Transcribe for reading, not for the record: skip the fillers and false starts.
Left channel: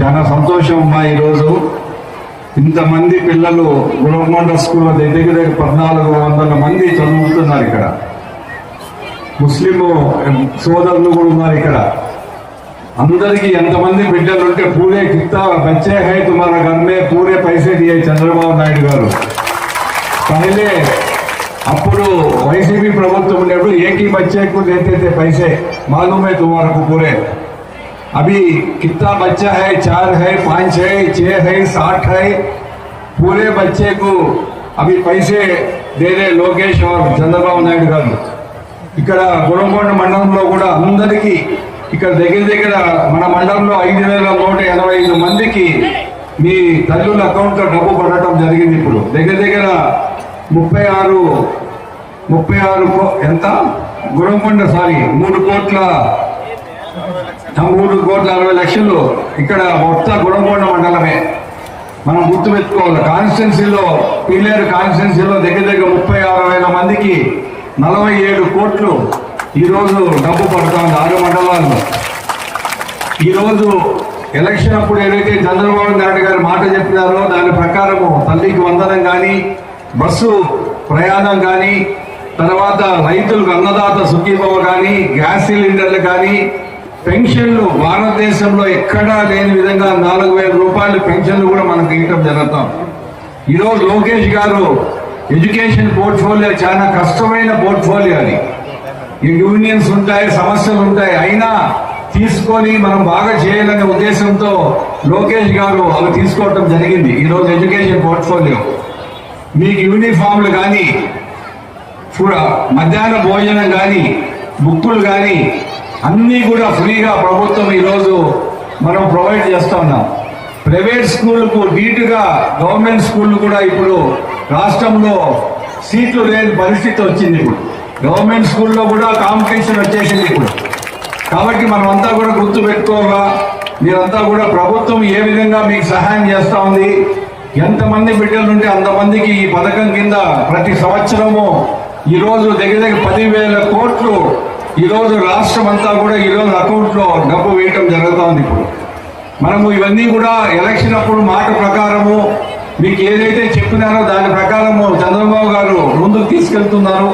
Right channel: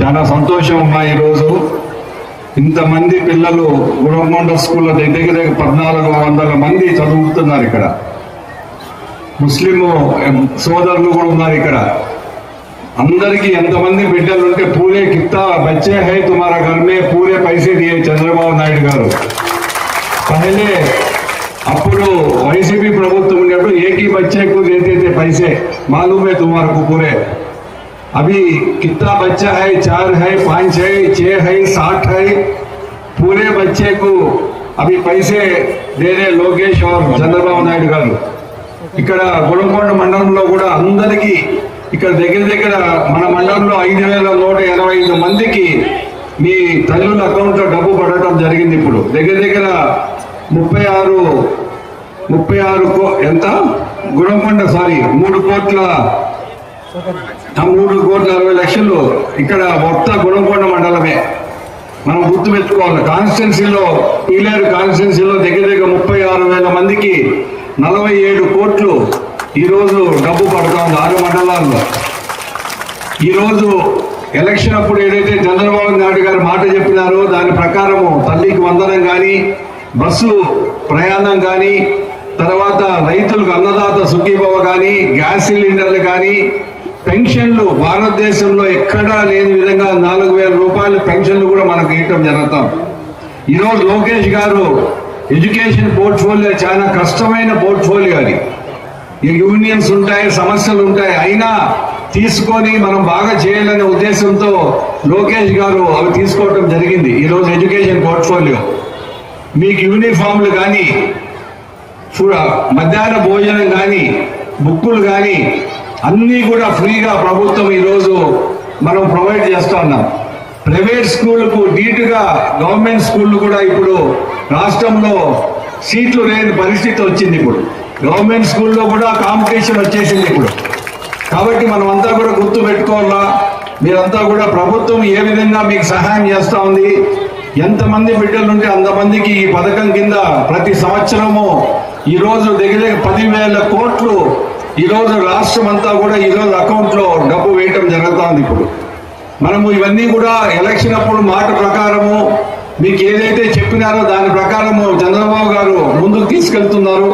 చాలా సంతోషం ఉన్నాయి. ఈరోజు ఇంతమంది పిల్లలు గుణమండ స్కూల్లో దగ్గర 1400 మంది చదువుతున్నారు. ఇక్కడ ముస్లిం సోదరులు కూడా ఉన్నారు. ఇక్కడ అందరికీ ఎంతమంది బిడ్డలు ఉంటే పూరే కిత్తా బచ్చే హై తుమారా ఘర్ మే పూరే పైసే దియే చంద్రబాబు నాయుడు గారు. పహలే అప్పుడు వైసీపీ ప్రభుత్వం ఉన్నప్పుడు ఏకీ బచ్చేకు దేతే पैसे मालूम है तुम्हारे को पूरे. अभी कितना बच्चा है? 4 है, 5 है, 6 है, 60 है. पूरे बच्चे को अभी पैसे दे रहे लोकेश और చంద్రబాబు నాయుడు గారు. ఇక్కడ గుణకొండ మండలంలో కూడా అందరికీ ఇక్కడ దగ్గర మన మండలంలో 5185 మందికి మీ తల్లుల అకౌంట్ లో డబ్బు పడటం జరిగింది. ఇప్పుడు దగ్గర 36 ఎంత గుణకొండ 3,60,00,000 ఇక్కడ మొత్తం గుణకొండ మండలమే. మనం గుర్తుపెట్టుకోవాలి. కాన్స్టిట్యున్సీలో పీలేరు కాన్స్టిట్యున్సీలో దగ్గర 36,000 మందికి 47 కోట్లు ఈరోజు డబ్బు పడుతుంది 6 మండలాల్లో. ఈరోజు ఎలక్షన్ అప్పుడు ఏదైతే చంద్రబాబు నాయుడు గారు మాట చెప్పినారో దాని ప్రకారం తల్లికి వందనం కానీ, బస్సు ప్రయాణం కానీ, తర్వాత రైతులకు అన్నదాత సుఖీభవ కానీ, గ్యాస్ సిలిండర్లు కానీ, పెన్షన్లు భారతదేశంలో ఎక్కడా లేని విధంగా 4,000 రూపాయల పెన్షన్లు కూడా మనకు ఇవ్వటం జరుగుతాం. ఈరోజు లోకేష్ గారు ఎడ్యుకేషన్ పోర్ట్ఫోలియో చాలా కష్టమైన పోర్ట్ఫోలియో. అది యూనియన్స్ ఉంటాయి, సమస్యలు ఉంటాయి, అయినా తీసుకొని మనం బాగా చేయాలనే ఉద్దేశంతో లోకేష్ గారు అవి తీసుకోవటం జరిగింది. ఈరోజు ఎడ్యుకేషన్ పోర్ట్ఫోలియో మీకు యూనిఫామ్లు కానీ, మధ్యాహ్న భోజనం కానీ, బుక్కులు కానీ అన్ని కూడా ఫ్రీగా ప్రభుత్వం ఈరోజు మనం ప్రొవైడ్ చేస్తూ ఉన్నాం. ప్రైవేట్ స్కూళ్లకు ధీటుగా గవర్నమెంట్ స్కూళ్లు కూడా ఇప్పుడు రాష్ట్రంలో సీట్లు లేని పరిస్థితి వచ్చింది. ఇప్పుడు గవర్నమెంట్ స్కూల్లో కూడా కాంపిటీషన్ వచ్చేసింది ఇప్పుడు. కాబట్టి మనమంతా కూడా గుర్తు పెట్టుకోవాలా, మీరంతా కూడా ప్రభుత్వం ఏ విధంగా మీకు సహాయం చేస్తా ఉంది, ఎంతమంది బిడ్డలు ఉంటే అంతమందికి ఈ పథకం కింద ప్రతి సంవత్సరము ఈరోజు దగ్గర 10,000 కోట్లు ఈరోజు రాష్ట్రం అంతా కూడా ఈరోజు అకౌంట్ లో డబ్బు వేయటం జరుగుతుంది. ఇప్పుడు మనము ఇవన్నీ కూడా ఎలక్షన్ అప్పుడు మాట ప్రకారము మీకు ఏదైతే చెప్పినారో దాని ప్రకారము చంద్రబాబు గారు ముందుకు తీసుకెళ్తున్నారు.